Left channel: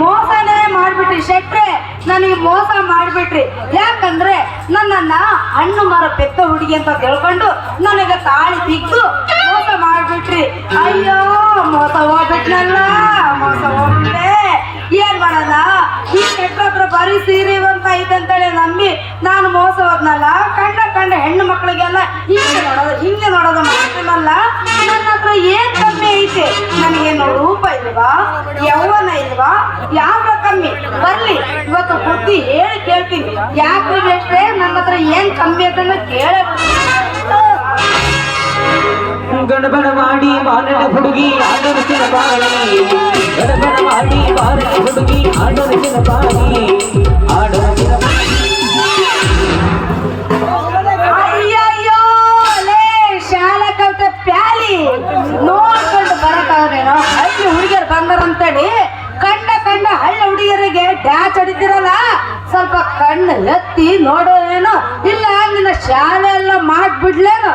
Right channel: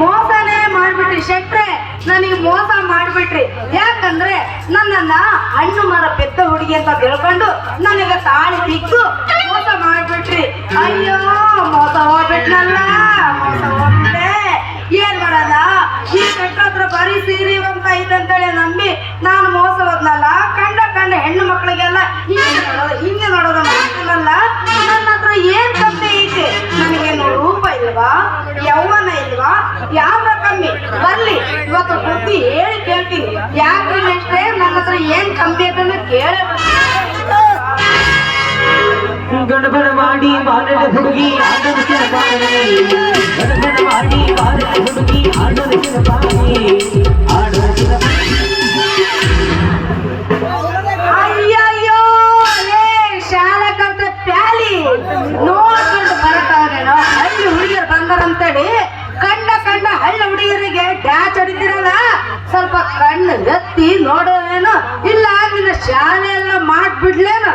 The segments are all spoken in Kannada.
ಮೋಸನೇ ಮಾಡ್ಬಿಟ್ರಿ ಶೆಟ್ರೆ, ನನಗೆ ಮೋಸ ಮಾಡ್ಬಿಟ್ರಿ. ಯಾಕಂದ್ರೆ ನನ್ನನ್ನ ಹಣ್ಣು ಮರ ಪೆದ್ದ ಹುಡುಗಿ ಅಂತ ತಿಳ್ಕೊಂಡು ನನಗೆ ತಾಳಿ ಬಿದ್ದು ಮೋಸ ಮಾಡ್ಬಿಟ್ರಿ. ಅಯ್ಯೋ ಮೋಸ ಹೋಗ್ಬಿಟ್ನಲ್ಲ, ಮೋಸ ಹೋಗ್ಬಿಟ್ಟೆ. ಏನ್ ಮಾಡೋಣ, ಈ ಕಟ್ಟ ಹತ್ರ ಬರೀ ಸೀರೆವಂತ ಇದ್ದಂತೇಳಿ ನಂಬಿ ನಾನು ಮೋಸ ಹೋದ್ನಲ್ಲ. ಕಂಡ ಹೆಣ್ಣು ಮಕ್ಕಳಿಗೆಲ್ಲ ಹಿಂಗೆ ನೋಡೋದು ಮಾಡ್ತೀನಲ್ಲ. ನನ್ನ ಹತ್ರ ಏನ್ ಕಮ್ಮಿ ಐತೆ? ನನಗೇನು ರೂಪ ಇಲ್ವಾ, ಯೌವನ ಇಲ್ವಾ, ಯಾವ ಕಮ್ಮಿ? ಬರ್ಲಿ ಇವತ್ತು ಬುದ್ಧಿ ಹೇಳಿ ಕೇಳ್ತೀನಿ. ಯಾಕ್ರಿ ಅಷ್ಟೇ ನನ್ನ ಹತ್ರ ಏನ್ ಕಮ್ಮಿ ಐತಂದ್ರೆ ಕೇಳೇ ಗಣಬಣ ಮಾಡಿ ಬಾನಡ ಹುಡುಗಿ ಆಡಲಿಸಿನ ಪಾಣಿ, ಗಣಬಣ ಮಾಡಿ ಬಾನಡ ಹುಡುಗಿ ಆಡಲಿಸಿನ ಪಾಣಿ, ಆಡಲಿಸಿನ ಅಯ್ಯಯ್ಯೋ ಅಲೇ ಶಾಲಾ ಕಲ್ತ ಪ್ಯಾಲಿ ನೋಡ್ಕೊಂಡು ಬರತ್ತಾರೇನೋ. ಹಳ್ಳಿ ಹುಡುಗಿಯರು ಬಂದಾರಂತೇಳಿ ಕಂಡ ಹಳ್ಳಿ ಹುಡುಗಿಯರಿಗೆ ಡ್ಯಾಚ್ ಹೊಡಿತಿರಲ್ಲ, ಸ್ವಲ್ಪ ಕಣ್ಣು ಎತ್ತಿ ನೋಡೋದೇನೋ. ಇಲ್ಲ ನಿನ್ನ ಶಾಲೆ ಎಲ್ಲ ಮಾಡ್ಬಿಡ್ಲೇನೋ.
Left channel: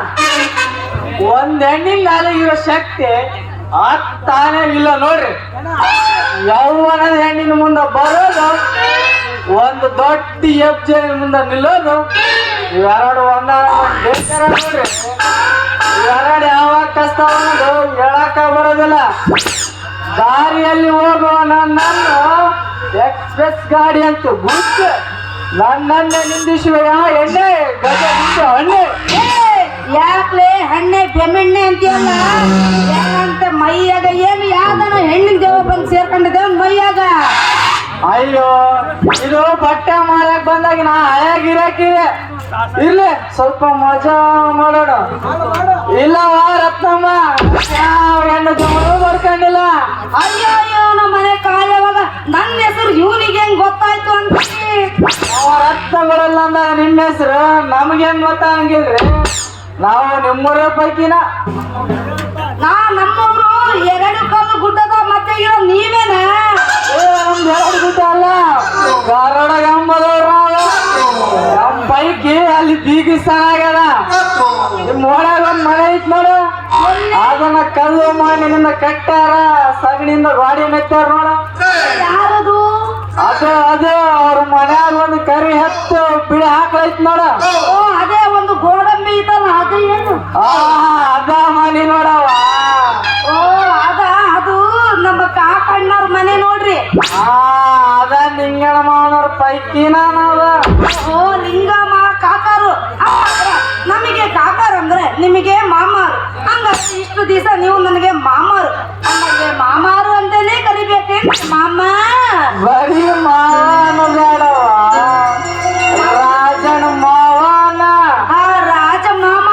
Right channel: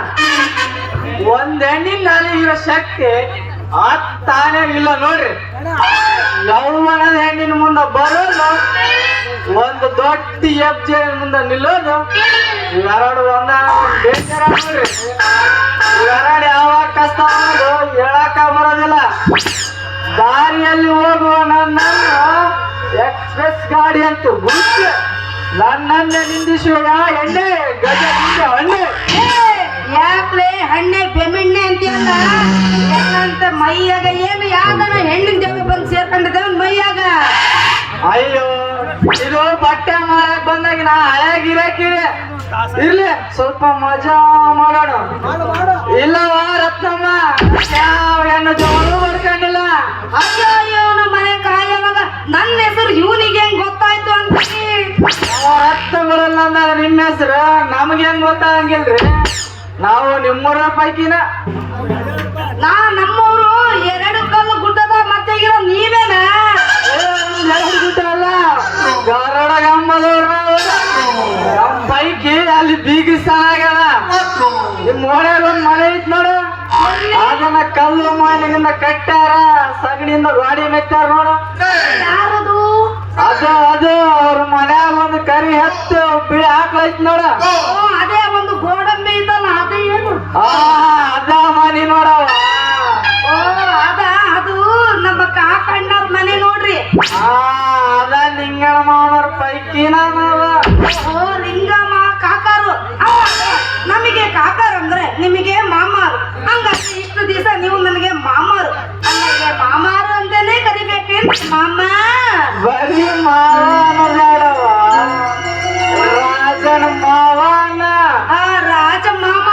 ಒಂದ್ ಹೆಣ್ಣಿನ ನಾಲಿಗಿರೋ ಶಕ್ತಿ ತಾನೇ ಇಲ್ಲ ನೋಡ್ರಿ. ಯೌವನದ ಹೆಣ್ಣಿನ ಮುಂದೆ ಬರೋದು, ಒಂದು ದೊಡ್ಡ ಹೆಜ್ಜೆ ಮುಂದೆ ನಿಲ್ಲೋದು, ಇವೆರಡು ಬೇಕಾರ ನೋಡ್ರಿ. ಇವೆರಡು ಯಾವಾಗ ಕಷ್ಟ ಹೇಳಕ್ಕ ಬರೋದಿಲ್ಲ. ದಾರಿಯಲ್ಲಿ ಹೋಗುವ ನನ್ನನ್ನು ಎಕ್ಸ್ಪ್ರೆಸ್ ಗಾಡಿ ಅಂತ ಗುಂಚು ನನ್ನನ್ನೇ ನಿಂದಿಸುವ ಎಣ್ಣೆ ಗಜ ನಿಂದೆ ಹಣ್ಣೆ. ಯಾಕ್ಲೆ ಹಣ್ಣೆ ಬೆಮೆಣ್ಣೆ ಅಂತೀವಲ್ಲ, ಏನಂತ ಮೈಯಾಗ ಏನು ಯಾವ್ದಾರ ಹೆಣ್ಣಿನ ದೇವ ಬಂದು ಸೇರ್ಕೊಂಡಿದ್ದೇವ ಮೈಯಾಗ. ಅಯ್ಯೋ ಇದು ಬಟ್ಟೆ ಮಾರಕ್ ಬಂದಾಗ ನಾ ಹಳೆ ಗಿರಾಕಿದೆ. ಇರ್ಲಿ ಸ್ವಲ್ಪ ಮಜಾ ಮಾಡೋಣ. ಇಲ್ಲ ರತ್ನಮ್ಮ, ಯಾವ ಹೆಣ್ಣು ಜಮರು ಬರ್ಕೊಂಡಿಲ್ಲ. ಅಯ್ಯೋ ನಮ್ಮ ಮನೆ ಕಾಯವಾಗ ನನ್ನ ಹೆಸರು ಇವನಿಗೆ ಹೆಂಗ್ ಗೊತ್ತಾಯ್ತು ಅಂತ. ರತ್ನ ಬರಲ್ಲ ಅಂದಾಗ ನಿಮ್ಮ ಹೆಸರು ನಮ್ಗೆ ಹೆಂಗ್ ಗೊತ್ತಾಗಂಗಿಲ್ರಿ. ನಾವು ನಿಮ್ಮೂರ ಪೈಕಿನ. ನಮ್ಮೂರು ಎರಡು ಕಲ್ಲು ಗುಡ್ಡದ ಮತ್ತೆ ಈಗ ನೀವೇನ? ನಮ್ದು ಎರಡು ಗುಡ್ಡ ಅಲ್ಲ, ಧಾರವಾಡ ಗಂಬದವ್ರ ನಮ್ಮ ಪೈಕಿ ಅಲ್ಲಿ ಬೀಗಿಸ್ತಾನ ಆಗ್ಯದ. ನಿಮ್ಮ ಓಣ್ಯಾಗ ಒಂದ್ ಮನೆ ಐತ್ ನೋಡ, ಅದನ್ನ ಕಲ್ಲು ಮಣ್ಣಿನಿಂದ ಕಟ್ಟಾರ, ಸಗಣಿಯಿಂದ ಗಾಡಿ ಮೆತ್ತಾರ ನೋಡ. ಯಾರದು? ಅದು ಅವ್ರ ಮನ್ಯಾಗ ಒಂದು ಕರಿ ಹತ್ತು ಬಿಳಿ ಹಾಕೈತ್ ನೋಡ. ಅದೇ ಒಂದು ಗೋಡಂಬಿ ಇದಲ್ಲ, ಅದು ಏನು? ಅದ ಮನೆ ನೋಡವ. ಅದು ನಮ್ಮ ಕಾಕಣ್ಣವ್ರ ಮನೆ ನೋಡ್ರಿ. ಅದ ನಿಂಗಳಮ್ಮವ್ರ ಪೈಕಿನ ನಾವ. ಲಿಂಗಮ್ಮ ಕಾಕಾರು. ನಮಗೆ ಕಾಕಾರ ಅಂದ್ರೆ ನಿಮಗೆ ಮಾಮಾರು. ಹಂಗಾದ್ರೆ ಇಷ್ಟು ದಿವಸ ನೀವು ನನಗೆ ಮಾಮಾರು, ನನಗೆ ಮಾಮಾರು ಅಂತಾನೆ ಕರಿಬೇಕೇನು? ಮಾಮ ಬರೀ ಮಾವ ಅನ್ನೋದ್ಯಾರು, ರಾಜನ ಮಾವನ. ರಾಜಮಾಮ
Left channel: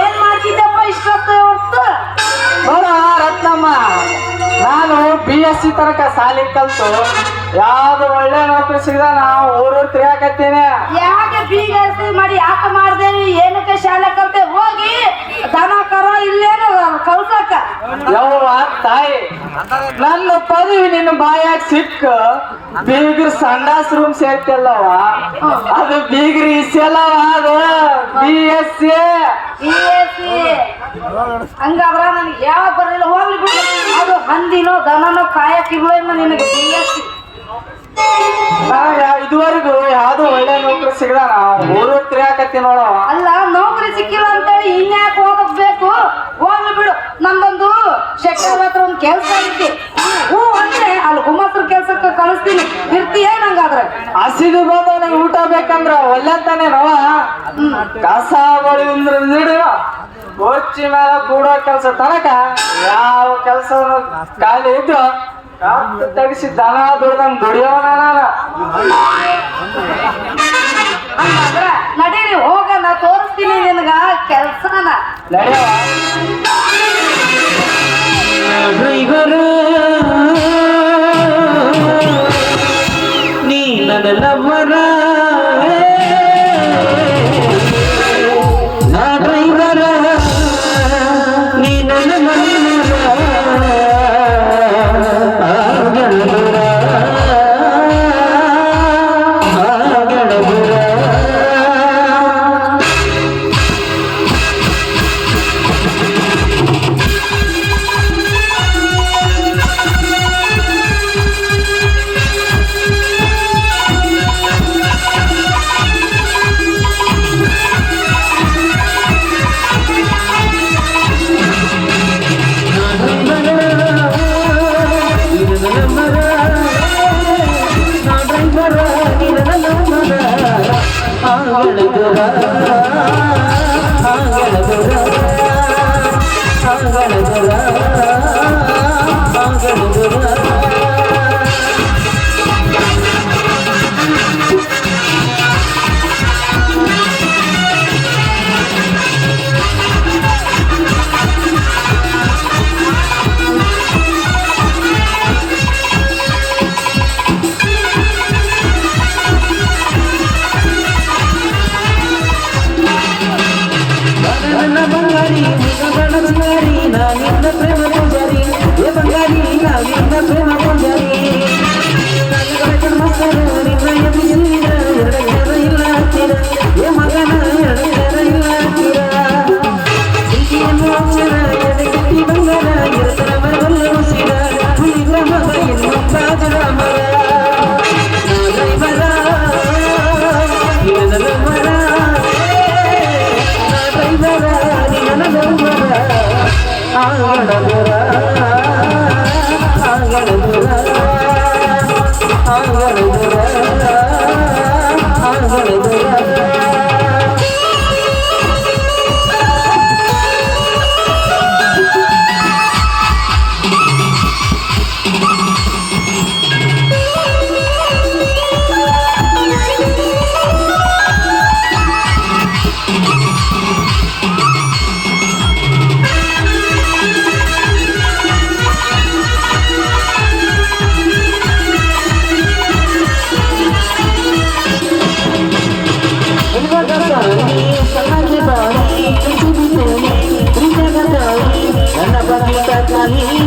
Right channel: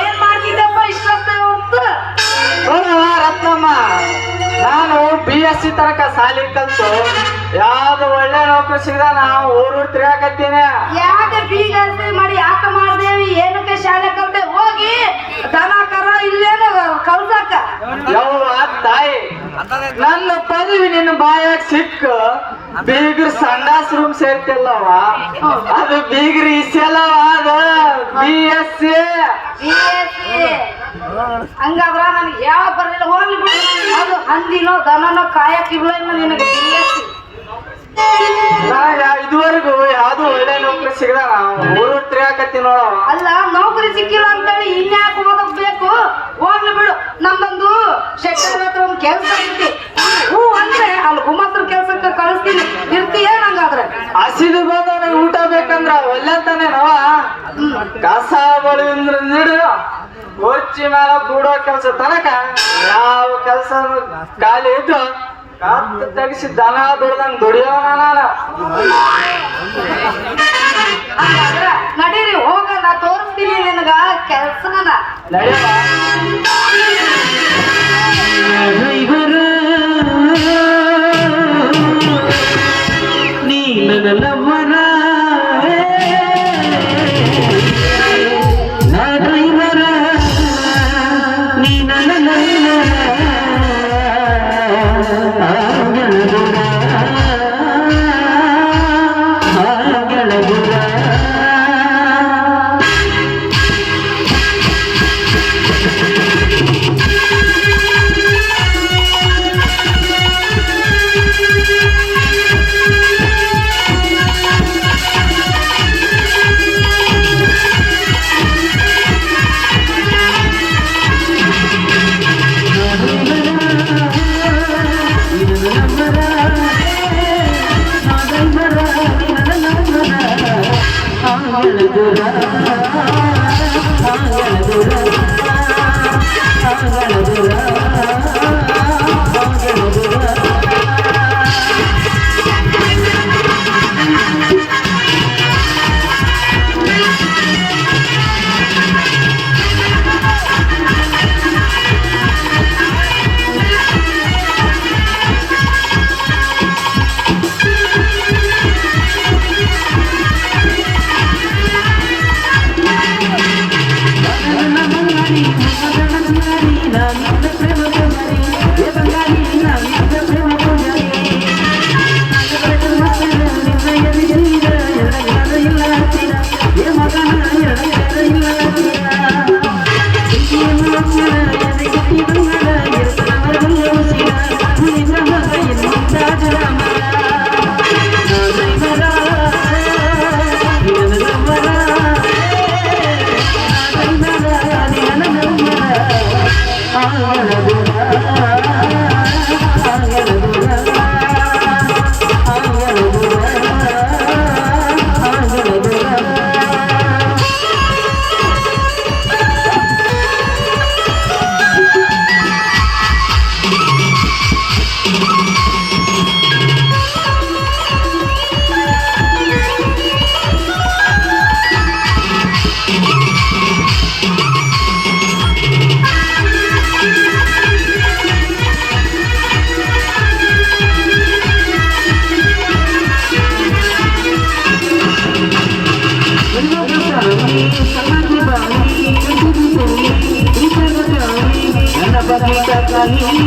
ಏನ್ ಮಾಡ್ತಿದ್ದಪ್ಪ ಇಷ್ಟೊತ್ತ ಹೊತ್ತು? ರತ್ನಮ್ಮ, ನಾನು BSc ತನಕ ಸಾಲಿ ಕಲ್ತು ಯಾವ್ದು ಒಳ್ಳೆ ನೌಕರಿ ಸಿಗದ ನಾವು ಊರೂರ್ ತಿರ್ಗಾಕತ್ತೀನಿ. ಯಾಕೆ BSc ಮಾಡಿ ಯಾಕೆ ಮಾಡ್ದೇವಿ? ಏನಕ್ಕೆ ಶಾಲೆ ಕಲ್ತೆ? ಹೋಗಿ ದನ ಕರ ಇಲ್ಲೇನು ಕಲ್ಸಕ. ಯವ್ವ ತಾಯಿ, ನನ್ನ ಪದವಿ ನಿನ್ನ ಬಾಯಾಗ ಸಿಕ್ಕ ಬೀಗ್ರ ಸಂಡಾಸ್ ರೂಮ್ ಸೇರ್ತಲ್ಲವ, ಅದು ಬೀಗ್ರಿ ಇಸಲ್ಲವ. ಅದು BSc. ಹಂಗಾದ್ರ ನನ್ಗೆ ಯಾವ ಬರಲಿಲ್ಲ, ಹೋಗ್ಲಿ ಬಿಡು. ಅದು ಹಂದಿನೋ ದನನೋ ಕಾಯಕಿಲ್ಲ ನಿನಗೆ BSc. ಇದುವರೆಗೂ ಯಾವ್ದು ಒಳ್ಳೆ ನೌಕರಿ ಸಿಗದ ಊರೂರ್ ತಿರ್ಗಾಕತ್ತಿ ನೋಡವ. ಅಲ್ಲ ನೌಕರಿ ಸಿಕ್ಕಿಲ್ಲ ಅಂತೇಳಿ ಇನ್ಯಾಕೆ ಹೋಗಬೇಕು? ಹೋಗ್ಲಿ ಬಿಡು. ನಮ್ದೊಂದು ಶೆಟ್ಟರ್ ಹತ್ರ ಒಂದು ಕೆಲಸ ಐತಿ. ಹೂ ಅಂದ್ರೆ ಅಲ್ಲಿ ಗುಮ್ಮಸ್ತ್ರ ಕೆಲ್ಸಕ್ಕೆ ಕಳಿಸ್ತೀನಿ, ಇರ್ತೀಯ ನಂಗಾದ್ರೆ? ಹಸಿದು ಬಂದ ಊಟ ಬೇಕಂದ್ರ ಒಲ್ಲೆ ತಾನೆ ನವ. ಕಸ ಬಳಿಂದ್ರ ನೀಡು, ಕೊಚ್ಚಿ ಮೇಲೆ ಕೂಡೋ ಕೆಲಸ ತನಕ ಯಾವ ಕೆಲಸ ಖಾಲಿ ಇದ್ದು ಕಾತು ತೆಗಿಸಿ ದನ ದುಡ್ದಂಗ್ ದುಡಿಯೋಣ. ನಡೀರಿ ಹೋಗೋಣ, ತೋರಿಸ್ತೀನಿ ನಿನಗ ಕೆಲ್ಸನ. ಡ್ರೈವರ್ ನೀ ನನ್ನ ಲವ್ವರ, ನಾ ಡ್ರೈವರ ನೀ ನನ್ನ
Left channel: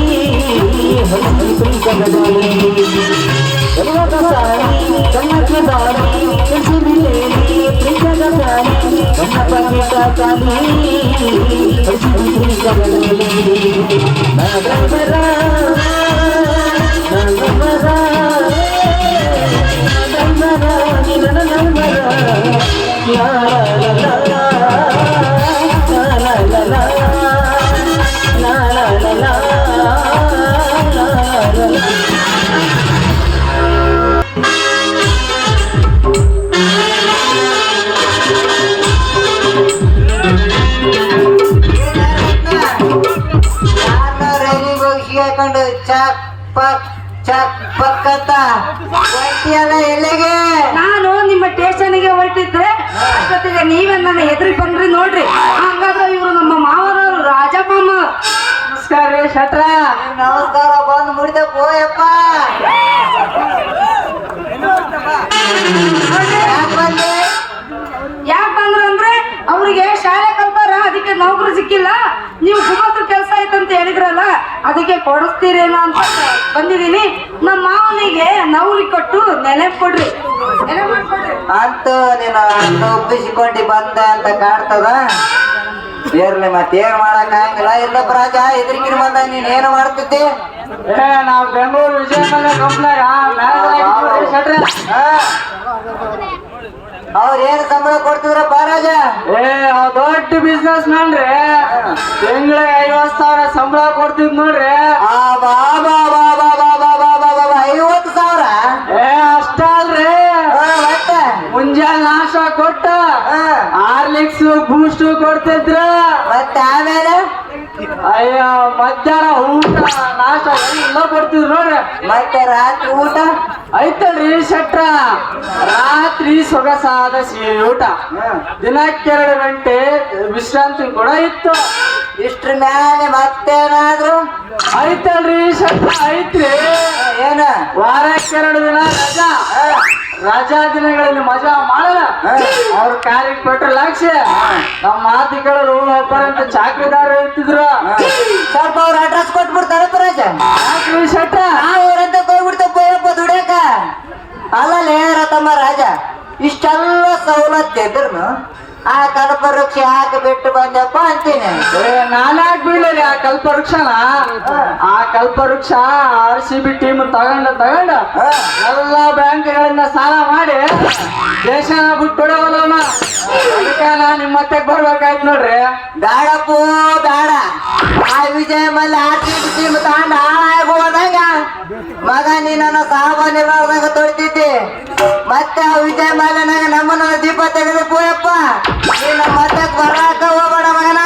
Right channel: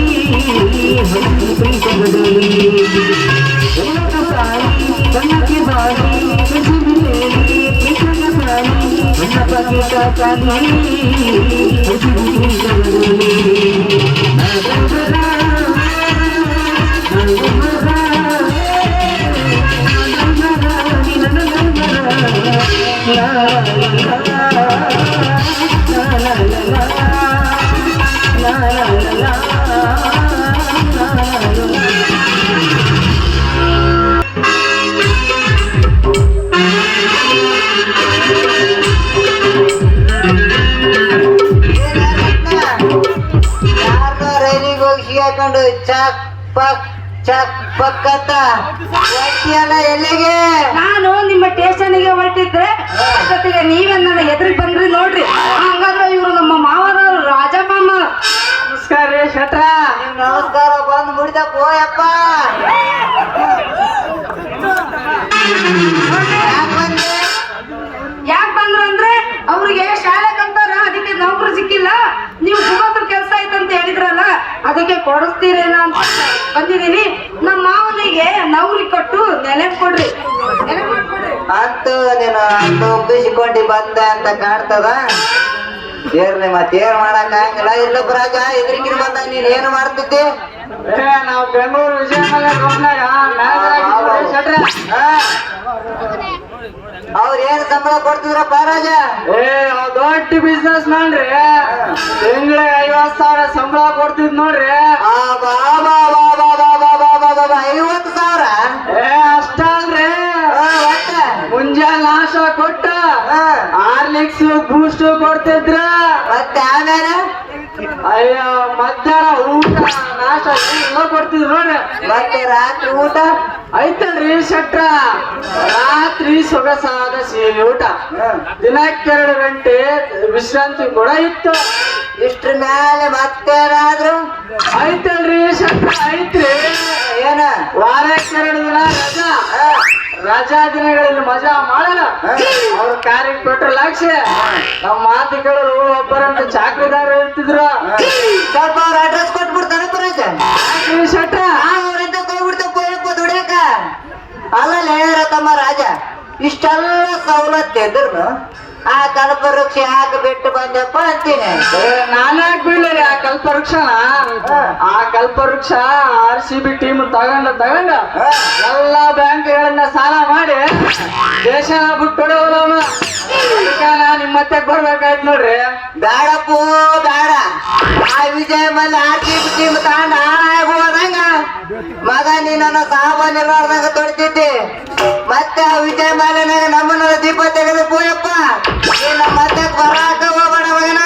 ಹಸಿ ಪ್ರೀತಗದಲ್ಲಿ ಕನ್ನಡ ಸಾಲಿ ಕನ್ನಕ್ಕೆ ಬಾಲಿ ಕಸಿ ಬಿಲೇಲಿ ಪ್ರೀತಗ ಸಾಲಿ ಕನ್ನ ಪಗೀಟ ಸಾಲಿ ಹಸಿ ಪ್ರೀತಗದಲ್ಲಿ ನಗರ ರೈಲಿಗೆ ಹೋಗಿ ಸಿಗಾಕೊಂಡು ಚಕ್ ಪಕ್ ಅಂತ ಹೊಂಟಿಯಲ್ಲ ಎಲ್ಲಿಗೆ? ನಾನು ನಿಮ್ಮ ಸ್ಟೇಷನ್ಗೆ ಹೊರಟಿದ್ರೆ ಅಷ್ಟೊತ್ತಿಗೆ ನೀವೇ ನನ್ನ ಎದುರಿಗೆ ಬಂದ್ರಿ ನೋಡ್ರಿ. ಹಂಗಾದ್ರೆ ಇವರು ನಮ್ಮ ಮಾವನವರು ರಾಜಪ್ಪ. ನಮಸ್ಕಾರ ರೀ ಶೆಟ್ರ. ನಮಸ್ಕಾರ, ಬಂದು ಮುಡಿದ ಪೋಯಪ್ಪ. ಯಾಕ್ ಬಂದೆ? ಯಾಕೆ ಬಂದ್ರು ಅಂದ್ರೆ ಅವ್ರಿಗೆ ಶಾಲೆ ಕಲ್ತಾರ, ಅದಕ್ಕೆ ನೌಕರಿ ಸಿಕ್ಕಿಲ್ಲ. ನೀವು ಗುಮಾಸ್ತರ ಕೆಲಸ ಆಯ್ತಂತ ಹೇಳಿದ್ರಲ್ಲ, ಅದಕ್ಕೆ ಕೊಡಿಸ್ತೀರೇನ ಅಂತ ಬಂದಿದ್ದೀನಿ. ನಮ್ಮ ಮಾವನಿಗೆ ನೌಕರಿ ಕೊಟ್ಟು ನೆಲೆ ಕೊಡ್ರಿ, ನೆಲೆ ಮಾಡ್ಕೊಡ್ರಿ. ಅಂತೂ ನೀನು ಅಂತ ಒಪ್ಪಿಸಿಕೊಂಡು ಬಂದೆ ಅಂತ ಕಾಣ್ತದ. ಇರ್ಲಿ, ಮತ್ತೇನ್ ಮಾಡಕ್ ಆಗಂಗಿಲ್ಲ. ಇಲ್ಲೊಬ್ಬ ರಾಜ ಎದುರಿಕಿನ ಬಂದ ನೀನ್ ಏನು ಮಾಡ್ತಿದ್ದಿ? ನಾವು ಬೆಂಗಳೂರು ವಿಜಯನಗರ ಕಂಪ್ನಿಯಾಗ ಶೆಟ್ರ. ಅವ್ರ ಏನು ಸಂಬಳ ಕೊಡ್ತಿದ್ರಪ್ಪ ರಾಜ? ದೊಡ್ಡ ಬಿಸ್ನೆಸ್ ಮ್ಯಾನ್ ರೀ. ತಿಂಗಳಿಗೆ 50,000 ಸಂಬಳ ಕೊಡ್ತಿದ್ ನೋಡ್ರಿ. ಆ ಬಾಬಾ 50,000? ಅಷ್ಟ ಅಲ್ರಿ, ಮತ್ತೆ ಮುಂಜಾನೆ ನಾಶ ಕೊಟ್ಟ ಹಾರ್ಲಿಕ್ಸ್ ಬೂಸ್ಟ್ ಕೊಡ್ತಿದ್ರ. ಮತ್ತೆ ಆಮೇಲೆ ಅಯ್ಯ ಮಧ್ಯಾಹ್ನ ಊಟ ನಾಶ ಎಲ್ಲ ಕೊಡ್ತಿದ್ರು ನೋಡ್ರಿ. ಮತ್ತೆ ರಾತ್ರಿ ಊಟ ಐತಲ್ರಿ ಶೆಟ್ರ, ರಾತ್ರಿ ಸೊಗಸಾದ ಸಿಹಿ ಊಟ, ದಿನಕ್ಕೆ 2 ಗಂಟೆ ವಿಶ್ರಾಂತಿ ಕೂಡ ಇತ್ತು. ಇಷ್ಟ್ರ ಮ್ಯಾಲೆ ಮತ್ತೇನಾದ್ರು ಐತಲ್ರಿ ಶೆಟ್ರ, ಐತ್ರಿ. ಏನ? ವಾರಕ್ಕೆ 2 ದಿನ ರಜಾ. ರಜಾ ದಿನಗಳಲ್ಲಿ ಮಜಾ ಮಾಡಲ್ಲ. ಅವ್ರ ಕಾರ್ಯಕ್ಕೆ ಕೊಟ್ರೆ ಲಕ್ಷ್ಯ. ನಮ್ಮ ಮಾತು ಕೇಳಲು ಒಬ್ಬರಂತ ಚಾಕ್ರಿದಾರ ಇರ್ತಿದ್ರು. ಸ್ವಲ್ಪ ಅವ್ರ ಅಡ್ರೆಸ್ ಕೊಟ್ಬಿಡ್ತಾರಪ್ಪ ರಾಜ. ಯಾಕ್ರಿ ಶೆಟ್ರ? ಅವ್ರಂತ ಹೋಗ್ಬಿಡ್ತಾವ ಪೋಯಪ್ಪ ದುಡಿಯಾಕ. ಅಲ್ಲಲ್ಲೇ ರತಮ್ಮ ರಾಜ, ಇಷ್ಟೆಲ್ಲ ಸವಲತ್ತು ಇದ್ರು ಆ ಕಲ್ಪವೃಕ್ಷ ಯಾಕೆ ಬಿಟ್ಟು ಬಂದಪ್ಪ ಅಂತೀನಿ. ನಾನಾಗ್ ಬೀಳರಿ ಆ ಕಲ್ಪವೃಕ್ಷನ. ಆ ಕಲ್ಪವೃಕ್ಷ RCB ಟೀಮ್ ತಗೊಂಡು ಎಲ್ಲ ಬ್ಯಾಂಕ್ಗಳನ್ನ ಸಾಲ ಮಾಡಿ ದೇಶನ ಬಿಟ್ಬಿಡೋಲ್ಲ. ಅದಕ್ಕೆ ನಾ ನಿಮ್ಮ ಮತ್ತೆ ಬರ್ಬೇಕಾಯ್ತು ನೋಡ್ರಿ. ಬೇಡಪ್ಪೂ ಬೇಡ. ಆ ವಿಜಯ ಮಲ್ಲ RCB ಟೀಮ್ ತಗೊಂಡ ಹೋದಂಗ ಮಗ ನೀನನ್ನ ಸಾಮಾನ್ಯ ನೋಡ್ದಂಗ ತೊಡ್ತಿದ್ದಿ. ಮತ್ತೆ ಆ ವಿಜಯ ಮಾಲ್ಯನಾಗ ನಮ್ಮನ್ನ ದೀಪ ತೆಗೆದು ಪೋಯಪ್ಪ. ನೀನು ಮತ್ತೆ ಬರಾಕ ಹೋಗ್ಬೇಡ ಮಗನ.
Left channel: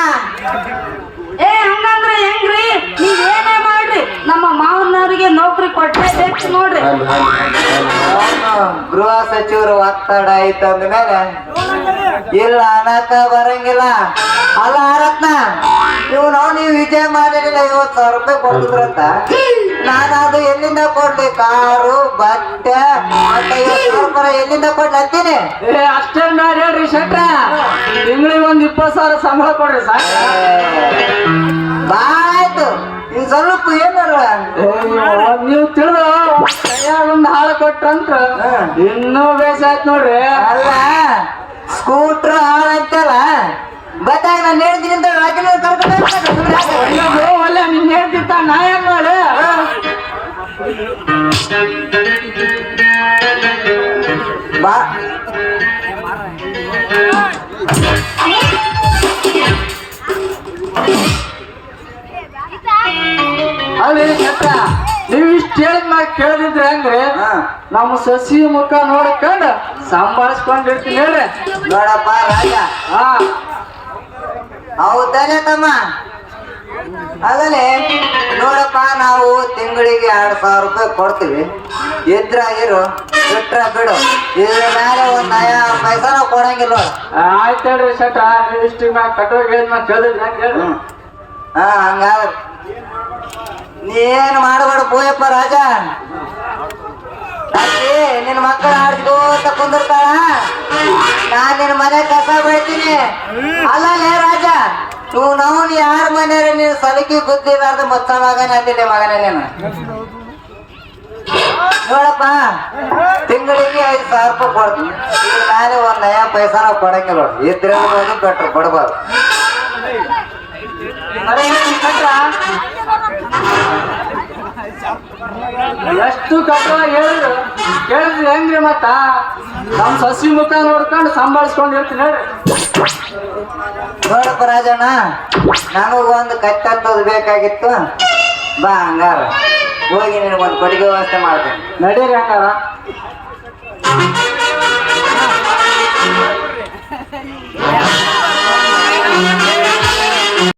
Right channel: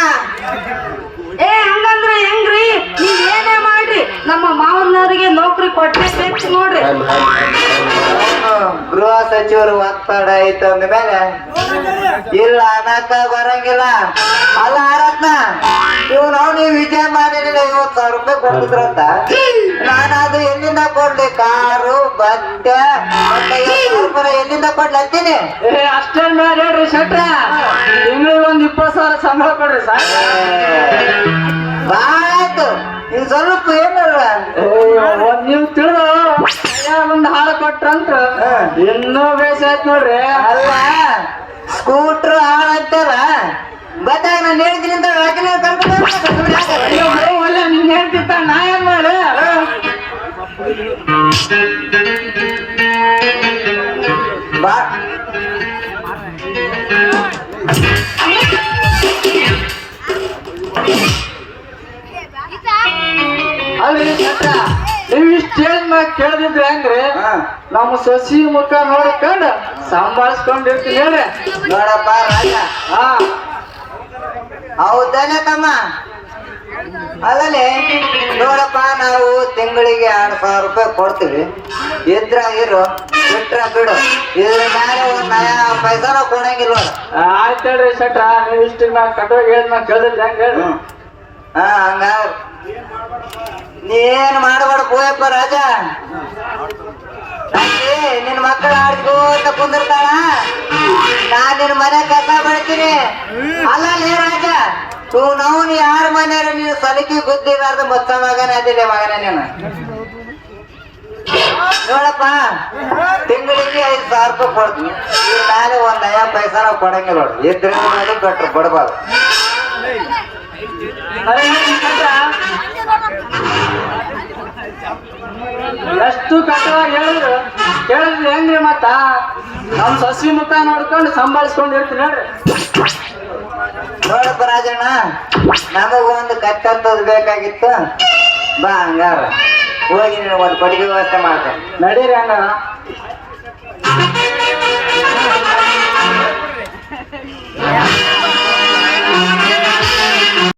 ಹಂಗಂದ್ರೆ ಹೆಂಗ್ರಿ? ನೀವೇನೇ ಮಾಡ್ರಿ, ನಮ್ಮ ಮಾವನವರಿಗೆ ನೌಕರಿ ಕೊಡ್ಲೇಬೇಕು ನೋಡ್ರಿ. ಗೃಹ ಸಚಿವರು ಒತ್ತಡ ಐತೆ ಅಂದ್ಮೇಲೆ ಇಲ್ಲ ಅನ್ನಕ ಬರಂಗಿಲ್ಲ. ಅಲ್ಲ ರತ್ನ, ನೀವು ವಿಜಯ ಮಾಡಿರಲಿಲ್ಲ 50,000 ರೂಪಾಯಿ ಕೊಡ್ತಿದ್ರಂತ. ನಾನು ಅದು ಎಲ್ಲಿಂದ ಕೊಡ್ಲಿ? ಕಾರು ಬಟ್ಟೆ ಮತ್ತೆ 50,000 ರೂಪಾಯಿ ಎಲ್ಲಿಂದ ಕೊಡ್ಲಿ ಅಂತೀನಿ. ಅಷ್ಟೇ ಮಾಡಿ ಹೇಳ್ರಿ ಶೆಟ್ರ, ತಿಂಗಳಿಗೆ 20,000 ಸಂಬಳ ಕೊಡ್ರಿ ಸಾಕು. ಆಯ್ತು, ಇನ್ ಸ್ವಲ್ಪ ಏನಾರ ನೀವು ತಿಳಿದು ಕೈಯಾಗ ಒಂದು ಹಾಳ ಕೊಟ್ರಂತ್ರ ಇನ್ನೂ ಬೇಸ ಆಯ್ತು ನೋಡ್ರಿ. ಅಲ್ಲ, ಸ್ಕೂಟ್ರ್ ಹಾಳಾಯ್ತಲ್ಲ, ಬತ್ತಾಗ ನಾನು ಹೇಳ್ತೀನಿ ಅಂತ ಕರ್ಕೊಂಡು ಅಯ್ಯೋ ಒಳ್ಳೆ ನಿನ್ ಹೇಳ್ತಿತ್ತ ನಾ ಏನ್ ಮಾಡಿ. ಬಾ ಅಲ್ರಿ ಶೆಟ್ರ, ನೀವು ಇಷ್ಟ ಹೇಳಿದ ಮ್ಯಾಗ ಕೇಳಿದ್ರೆ ಹೆಂಗ್ರಿ? ನಮ್ಮ ಸಸಿ ಮುಖ ನೋಡ್ಕೊಂಡು ಸಂಭಾಳಿಸ್ಕೊಂಡಿರ್ತೀನಿ ಹೇಳ್ರಿ. ನೋಡಪ್ಪ ರಾಜ, ಹಾ ಹೌದಾನೆ ತಮ್ಮ? ಆಗಲೇ ನೋಡಪ್ಪ, ನಾವು ತಿಂಗಳಿಗೆ 2,000 ರೂಪಾಯಿ ಕೊಡ್ತೀವಿ. ಇದ್ರ ಇರು, ಬಿಟ್ರ ಬಿಡು. ಇದ್ರ ಮೇಲೆ 1 ಪೈಸಾನ ಕೊಡಂಗಿಲ್ಲ. ಆಯ್ತು ಹೇಳ್ರಿ ಶೆಟ್ರ, ನೀವು ಇಷ್ಟ ಮ್ಯಾಗ ಕಟ್ಟೋಗಿ ಹೇಳಿದ ಮ್ಯಾಗ ಕೇಳಿದ್ರೆ ಹೆಂಗ್ ಹೇಳ್ರಿ? ಹಂಗಾರ ನೀನ್ ಮಾಡಬೇಡ ಪೋಯಪ್ಪ ರಾಜ. ನಿನ್ ಮಕ್ಕಳ ಆಡ್ಕೋ ಅಂತ ಕುಂದಿರ್ತಾಳ. ನಾನ್ ನಿನ್ ಮನೆ ಕಸ ಬೆಳಿತೀನಿ. ಅಲ್ಲೇ ರಾಜ, ನಾವು ಯಾರ ಮನೆಯಾರ ನೀನು ಸಲಿಕೆ ಬುದ್ಧಿಲಾರ್ದ ಮೊತ್ತ ಮಗನ ಅದಿಲ್ಲ ಮಗನ ನೀನು ನೋಡಪ್ಪ ತಿಂಗಳಿಗೆ 5,000 ರೂಪಾಯಿ ಕೊಡ್ತೀನಿ ಈಗ ನಾಳೆ ಒಂದ್ 5 ಪೈಸಾನ ಕೊಡಂಗಿಲ್ಲ ನೋಡಿ ಇದ್ರೆ ನೋಡಿ ಕೊಟ್ರು ಕೊಡ್ಬಾರ್ದು ಎಷ್ಟು ಕಟ್ಟವಾಗಿ ಹೇಳಿದ್ರು ಕೇಳಿದ್ರೆ ಹೆಂಗ್ರಿ ಮತ್ತ ನಮ್ ಸಸಿ ಮುಖ ನೋಡ್ಕೊಂಡು ಸಂಭಾಳಿಸ್ಕೊಂಡು ಇರ್ತೀನಿ ಹೇಳಿ ನೋಡಪ್ಪ ರಾಜಣ್ಣ ನಮಗ ಒಂದು ಕತ್ತಂತದ್ ಬೇಕಾಗಿತ್ತು ಬಾ ಹಂಗಾರ ಹೋಗಿ ನಿನಗೊಂದು ಕೊಡುಗೆ ವ್ಯವಸ್ಥೆ ಮಾಡ್ತೇನೆ ನಡೀರಿ ಹಂಗಾರ